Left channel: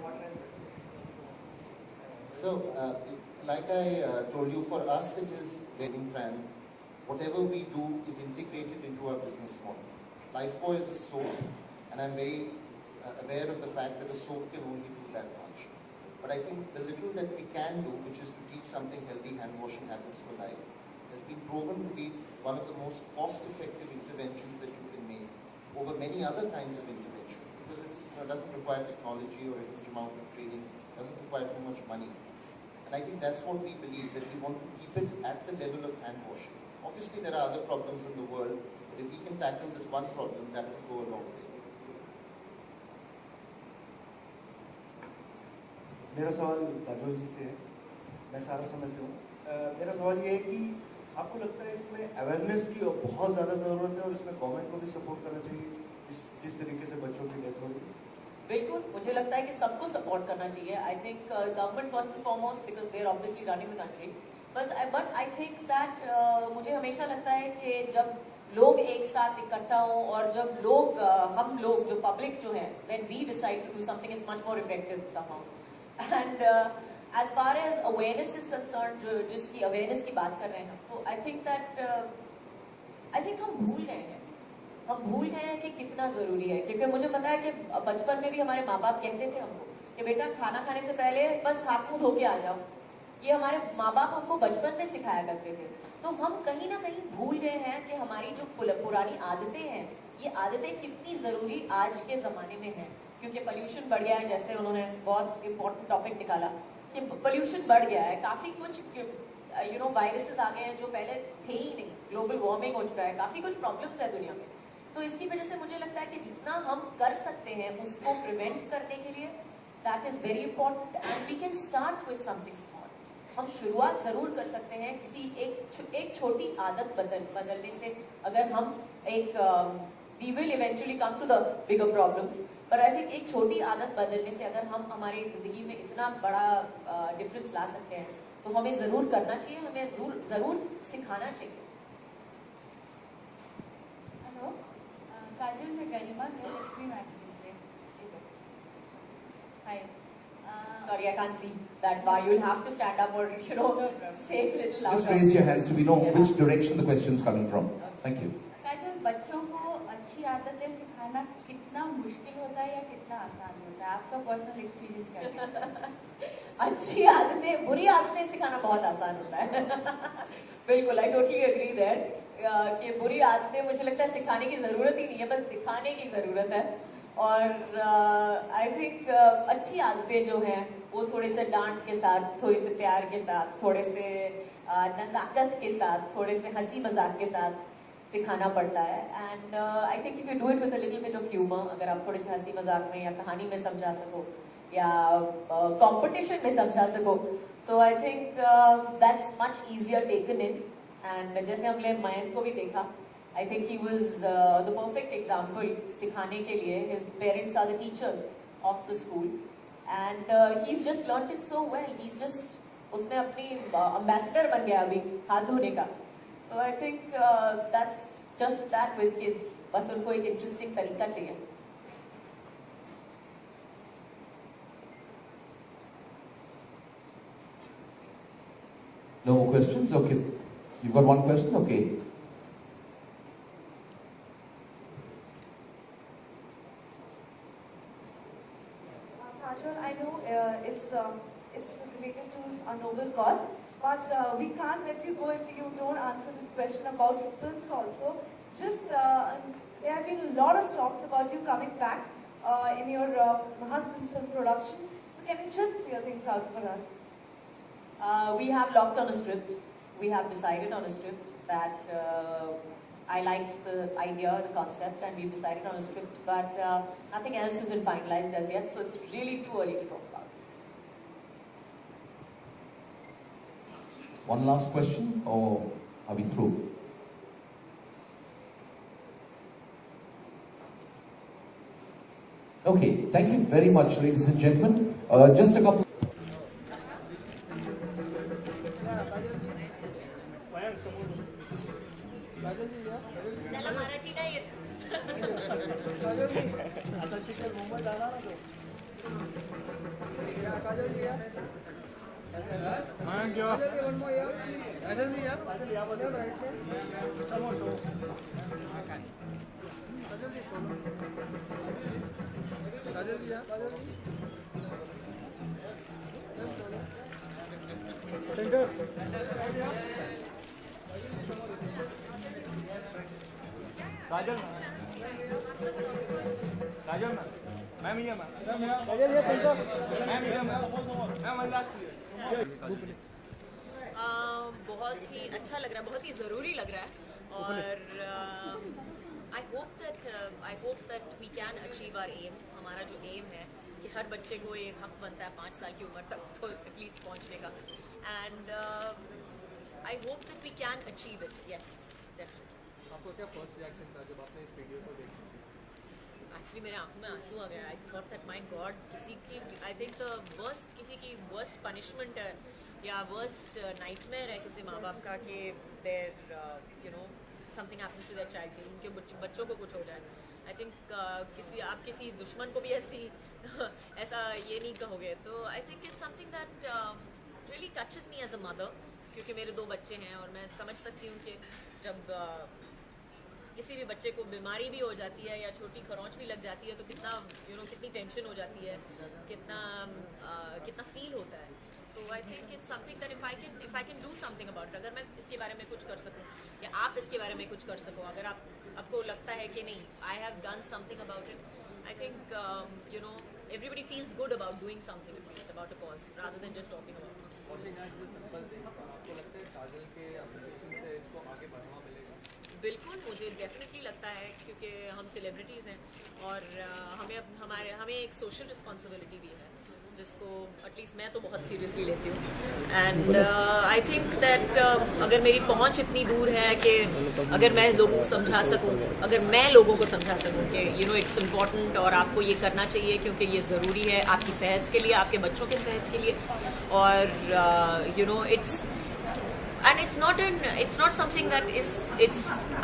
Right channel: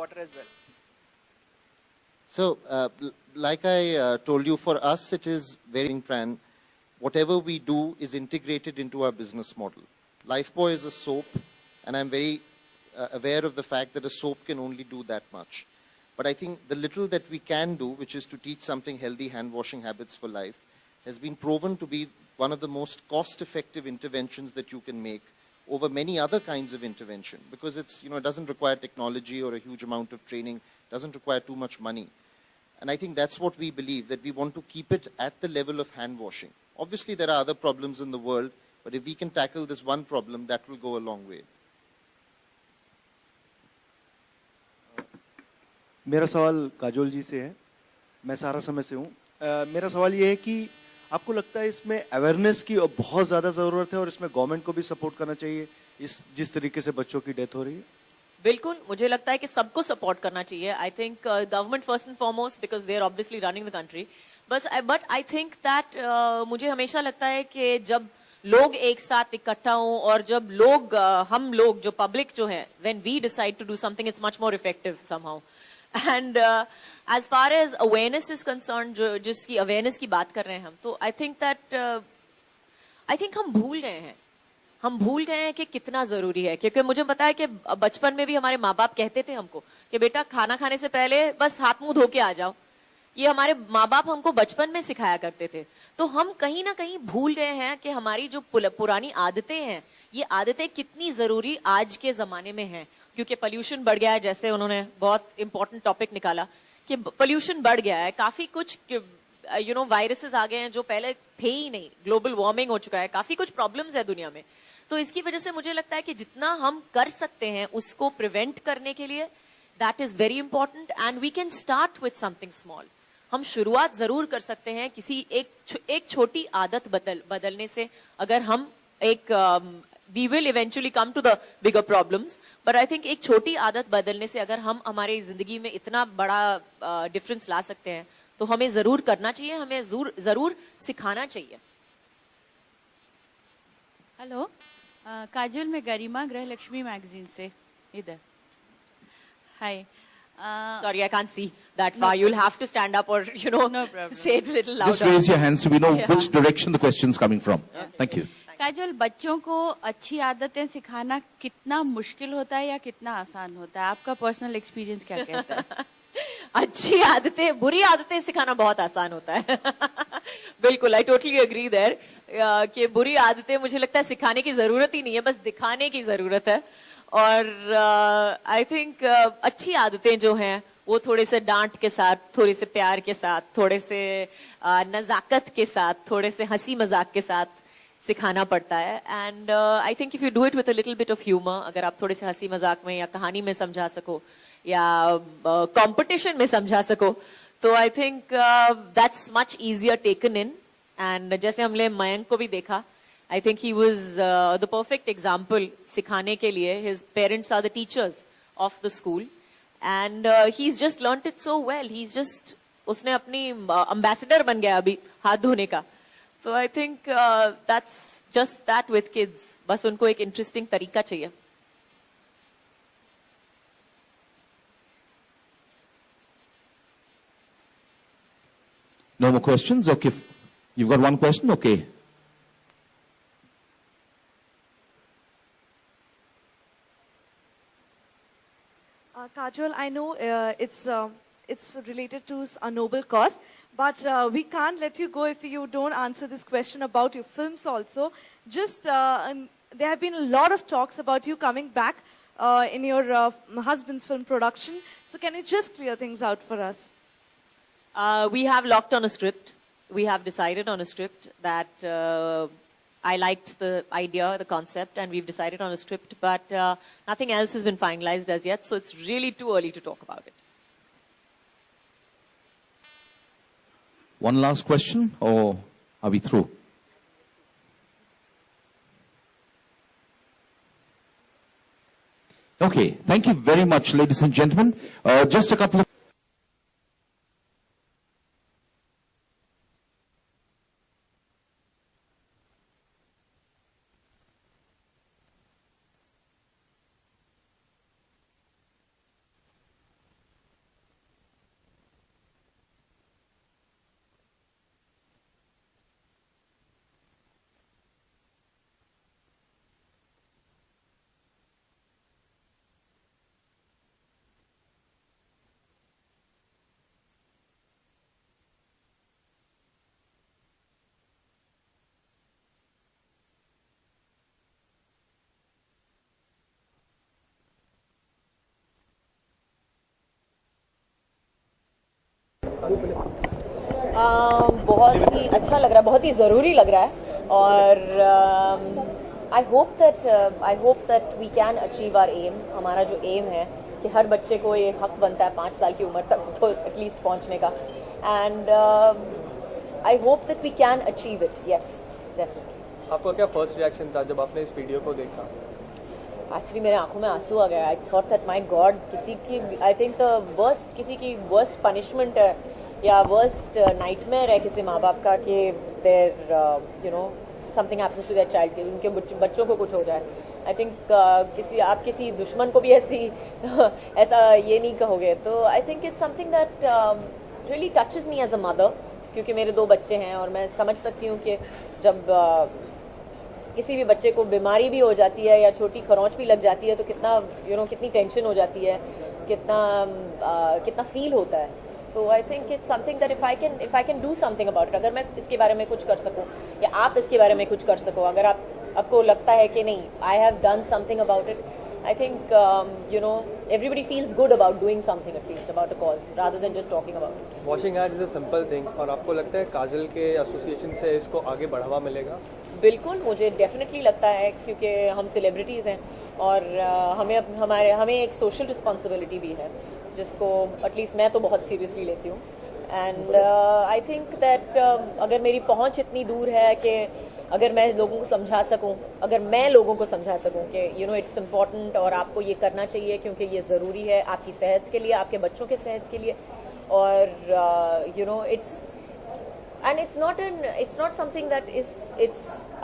water as well. So, like I told you, for us it is very brand. Whatever we do is integrated into our business model. Lifebuoy is a soap, and I'm very aware of the fact that a soap can only do that much. But I think the little that we can do, which is to teach something healthy hand washing habits for life, has been proven to be one of the most cost-effective interventions that you can make over many other kinds of intervention, because it's, it doesn't require technology or a huge amount of training, doesn't require too much money. And I think that's what we believe, that we want to keep it at the level of hand washing. Obviously, there are other problems in the world, but if we can tackle this one problem, that will go a long way. मेरा सवाल काजोल जी से है, मैं सारा समय से हूँ। मेरा सवाल ये है कि आपको लगता है इसमें अवेयरनेस की बहुत ज़्यादा ज़रूरत है और इसमें गवर्नमेंट को भी सपोर्ट करना चाहिए, जिस तरीके से बच्चों की डेथ हो रही है? बिल्कुल, मुझे लगता है कि सबको सपोर्ट करना चाहिए। I think government first and foremost, because they are obviously running the country, but I think that मुझे हमेशा लगता है कि जब लोग एक साथ इकट्ठा हों और जब लोग हम लोग जो पब्लिक जो है, when we decide to do something, it's much more effective somehow. And as far as awareness is concerned, जिसकी awareness की बात कर रहे हैं हम, तो I think हम भूल गए हैं कि कितना जरूरी है। क्योंकि मुझे पता है कि बचपन में भी हमारे माँ बाप कहते थे हमको कि बेटा खाना खाने से पहले बस हाथ मुंह धो के आ जाओ। ये हमारे माँ बाप हमको बचपन में सिखाया करते थे। तो हम कहीं ना कहीं भूल गए हैं कि हमारी जो पुरानी आदतें हैं, ये आदतें कितनी जरूरी आज के जमाने में हैं। क्योंकि पोल्यूशन बढ़ गया है, जैसे उन्होंने बहुत इंपॉर्टेंट टॉपिक निकाला कि पोल्यूशन बढ़ गया है, काफी कुछ वायरसेस आ गए हैं जो पहले थे ही नहीं, ग्लोबल वार्मिंग हो चुका है, काफी कुछ प्रॉब्लम्स है दुनिया में। तो इसकी वजह से मुझे लगता है कि जितना हम कर सकते हैं उसको प्रिवेंट करने के लिए, that is very important, and we can start with something small. हम शुरुआत जरूर कर सकते हैं किसी एक छोटी आदत बदलने से। अगर हम we will eventually come to the bigger problems, but I think एक छोटी आदत बदलने से अगर हम हमारी जिंदगी में इतना बड़ा डिफरेंस ला सकते हैं, तो हमें जरूर करना चाहिए, हमें जरूर सिखाना चाहिए। हेलो, काजल, मैं गरिमा गृह लक्ष्मी मैगजीन से इधर। हाय। Sorry, I can't see that far. You'll have to stand up or No say it a little louder. Just raise your hands so we know which direction the question is coming from. Thank you. काजल, बच्चों को अच्छी आदतें सिखाना कितना मुश्किल होता है या कितना आसान होता है? आपका पर्सनल एक्सपीरियंस क्या कहता है? अच्छी आदतें, बुरी आदतें सिखाना बहुत आसान होता है। बिल्कुल, I totally agree there कि बुरी आदतें मुझे लगता है सिखाने की जरूरत ही नहीं है, बस दिखाने की जरूरत है। और आई थिंक अच्छी आदतें जो हैं वो थोड़े से डांट के साथ, थोड़े से प्यार के साथ, थोड़े से नजाकत के साथ, थोड़े से हंसी मजाक के साथ सिखाना पड़ता है। And I think if you do it with a little bit of humour, अगर आप थोड़े से हंसी मजाक में या कहानी में समझा सको या कंपटीशन में समझा सको, तो I think that's much easier taken in. And जैसे हमने मयंक को भी देखा, I think he was the perfect example सिखाने के लिए। His parents are the teachers of the school, and he's just learnt it so well. He's just, उसने अपनी ambassador बन गया अभी हाथ धोने का। So I think that's just that with kids. बस उनको एक interesting तरीका चाहिए। No more questions? Okay, you've got one question? Okay. Kajol, I know it's related to a noble cause, but we can't let you go if you don't answer this question about your films also. Just there have been a lot of talks about you coming back in your husband's film production. So can you just clear things out for us? We have locked on a script. We have decided on a script that I liked the idea, the concept, and we've decided on a script, but nothing else has been finalized as yet, so it's really too early to talk about it. One last question, or are we through? Okay, thank you very much, ladies and gentlemen. Just a couple of आता chicken Mumbai जाणार ना तो बहुत ही अच्छा लग रहा है, बहुत ही ज़रूरी लग रहा है और I hope that we can achieve our aim. हमारा जो एम है कि हर बच्चे को ये हक बनता है 5 साल की उम्र तक तो एटलीस्ट पहुंचने का, and I hope that we can achieve it. Yes, definitely. आपका क्या फर्स्ट रिएक्शन था जब आपने इस वीडियो को देखा? एक्चुअली मेरे आंखों में आंसू आ गया. I thought that my God, किसी की आई थिंक किसी की वर्स्ट पनिशमेंट है या वर्स्ट नाइटमेयर है किसी माँ बाप का कि there you know something happens to their child, कि उनके बच्चों को कुछ हो जाए. आई थिंक आप किसी दुश्मन को भी ऐसा ये नहीं कहोगे. तो I think it's something that really touches me as a mother, क्योंकि मेरे 2 बच्चे हैं और मैं समझ सकती हूँ कि जब किसी भी बच्चे को बीमारी भी हो जाती है या छोटी खरोंच भी लग जाती है तो कितना कितनी टेंशन हो जाती है, कितना फील होता है. तो I think it's something that if I can do something about it, अगर मैं इसके बारे में कुछ कर सकूं या आप इसके बारे में कुछ कर सको, अगर आपको लगता है कि नहीं I have done something about it, I think everybody feels good about doing something, at least about a cause, rather than just talking about it. Washing hands is a simple thing, और आपको लगता है काजल के association से इसको आगे बढ़ावा मिलेगा? बिल्कुल, मुझे डेफिनेटली लगता है, क्योंकि हम सेलिब्रिटीज़ हैं और हमें एक सोशल रिस्पॉन्सिबिलिटी भी है जिसको एटलीस्ट मैं तो बहुत सीरियसली लेती हूँ. एंड आई थिंक दैट अगर मेरी पहुँच इतनी दूर है कि अगर मैं लोगों को समझा सकूँ, अगर मैं लोगों को समझा सकूँ कि इट्स इम्पॉर्टेंट और आपको ये करना चाहिए क्योंकि ये ज़रूरी है आपकी सेहत के लिए, आपके बच्चों के सेहत के लिए, और it's not something that it's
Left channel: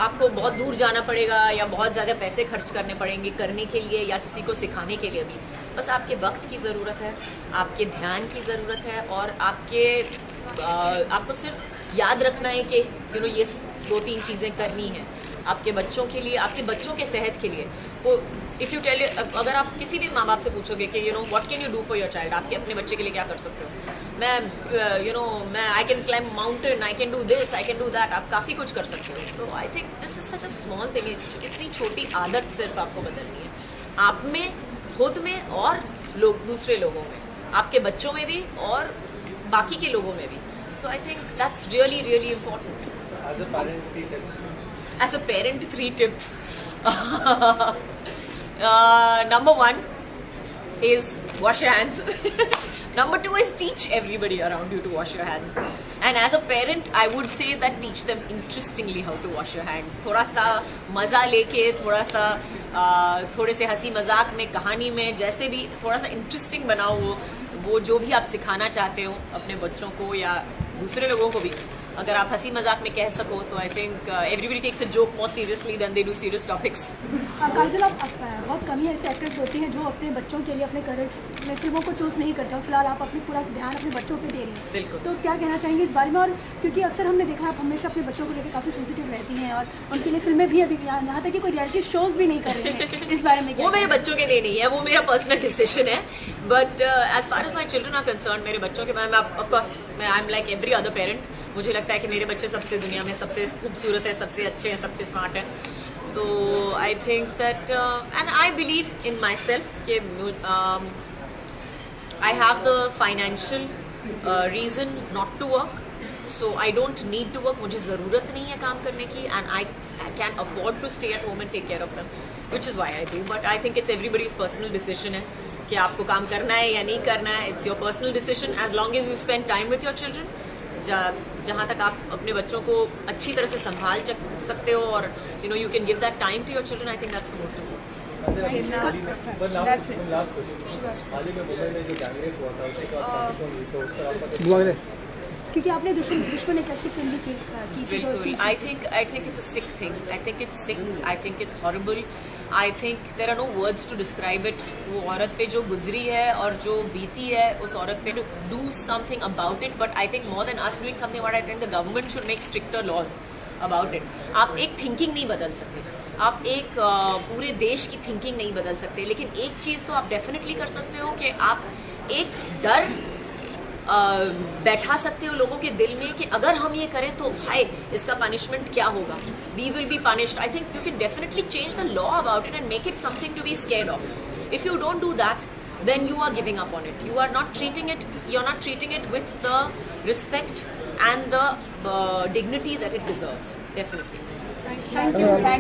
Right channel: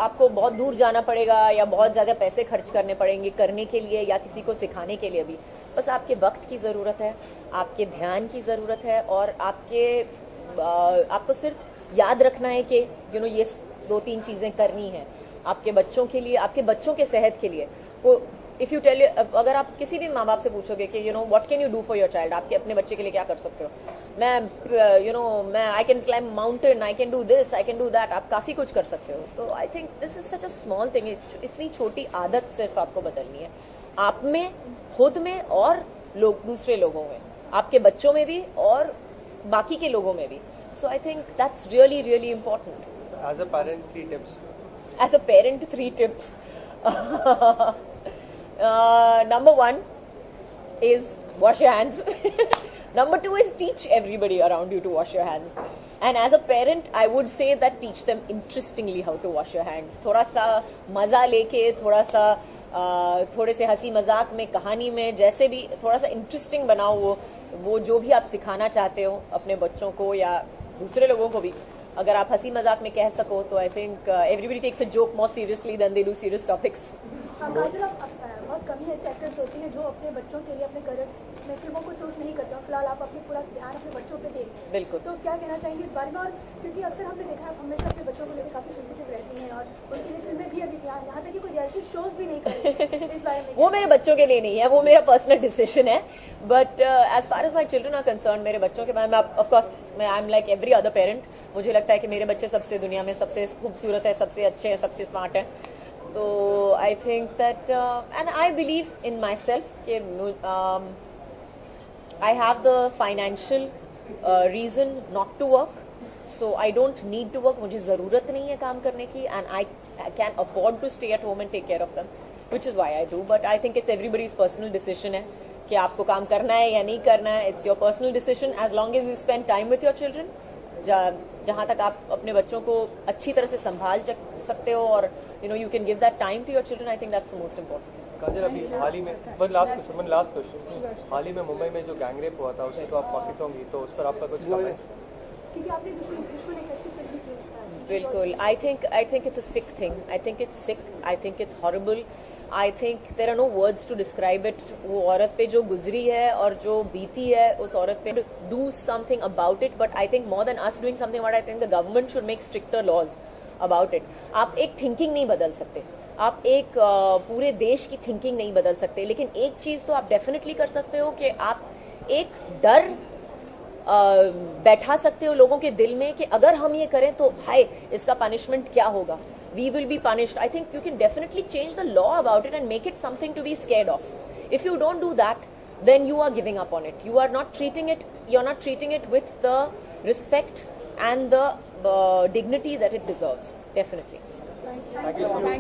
आपको बहुत दूर जाना पड़ेगा या बहुत ज़्यादा पैसे खर्च करने पड़ेंगे करने के लिए या किसी को सिखाने के लिए भी. बस आपके वक्त की ज़रूरत है, आपके ध्यान की ज़रूरत है और आपको सिर्फ याद रखना है कि ये 2-3 चीज़ें करनी हैं आपके बच्चों के लिए, आपके बच्चों के सेहत के लिए. वो इफ़ यू टेल, अगर आप किसी भी माँ बाप से पूछोगे कि what can you do for your child, आपके अपने बच्चे के लिए क्या कर सकते हो, मैं I can climb mountain, I can do this, I can do that, आप काफ़ी कुछ कर सकते हो. तो I think this is such a small thing. इतनी छोटी आदत सिर्फ आपको बदलनी है, आप में, खुद में और दूसरे लोगों में, आपके बच्चों में भी और बाकी के लोगों में भी. So I think that's really really important. As a parent 3 tips. As a parent, 3 tips. Number 1 is wash your hands. Number 2 is teach everybody around you to wash your hands. And as a parent, I would say that teach them interestingly how to wash your hands. थोड़ा सा मज़ा लेके, थोड़े से हंसी मजाक में, कहानी में, जैसे भी थोड़ा सा इंटरेस्टिंग बनाओ वो जो भी आप सिखाना चाहते हो अपने बच्चों को या दूसरे लोगों को भी. अगर आप हंसी मजाक में कह सको तो I think everybody takes a joke more seriously than they do serious topics. Kajal, आप बहुत कम ही ऐसे एक्टर्स होते हैं जो अपने बच्चों के लिए अपने करियर में फिल्मों को चूज नहीं करते और फिलहाल आप अपने पूरा ध्यान अपने बच्चों पे दे रही हैं. बिल्कुल. तो क्या कहना चाहेंगे इस बारे में? और क्योंकि अक्सर हमने देखा आप हमेशा अपने बच्चों को लेकर काफ़ी सेंसिटिव रहती हैं और उनके लिए फिल्में भी अभी यहाँ तक कि कोई रियलिटी शोज भी नहीं कर रहे हैं, इस बारे में वो मेरे बच्चों के लिए नहीं है, वो मेरा पर्सनल डिसीजन है. But as far as my children are concerned, मेरे बच्चों के बारे में of course I am like every other parent. मुझे लगता है कि मेरे बच्चे सबसे दुनिया में सबसे खूबसूरत है, सबसे अच्छे हैं, सबसे स्मार्ट हैं. तो I think that and I believe in myself कि I have the financial reason not to work, so I don't need to work. मुझे ज़रूरत नहीं है काम करने की and I can afford to stay at home and take care of them, which is why I do. But I think it's everybody's personal decision है कि आपको काम करना है या नहीं करना है. It's your personal decision as long as you spend time with your children. जहाँ तक आप अपने बच्चों को अच्छी तरह से संभाल सकते हो और you can give that time to your children, I think that's the most important. One last question. हाल ही में मुंबई में जो गैंग रेप हुआ था उसके बाद पाकिस्तान हुई, तो उस पर आपका कुछ क्योंकि आपने दुश्मन एक ऐसी फिल्म भी की थी जो बिल्कुल इसमें- I think it's a sick thing. I think it's sick. I think it's horrible. I think there are no words to describe it. वो औरत पे जो गुजरी है और जो बीती है उस औरत पे, to do something about it. But I think more than us doing something about it, I think the government should make stricter laws about it. आप एक थिंकिंग नहीं बदल सकते, आप एक पूरे देश की थिंकिंग नहीं बदल सकते, लेकिन एक चीज़ तो आप डेफिनेटली कर सकते हो कि आप एक डर बैठा सकते हो लोगों के दिल में कि अगर हम ये करें तो भाई इसका पनिशमेंट क्या होगा, we will be punished. I think you can definitely change the law about it and make it something to be scared of. If you don't do that, then you are giving up on it. You're not treating it with the respect and the dignity that it deserves. Definitely. Thank you.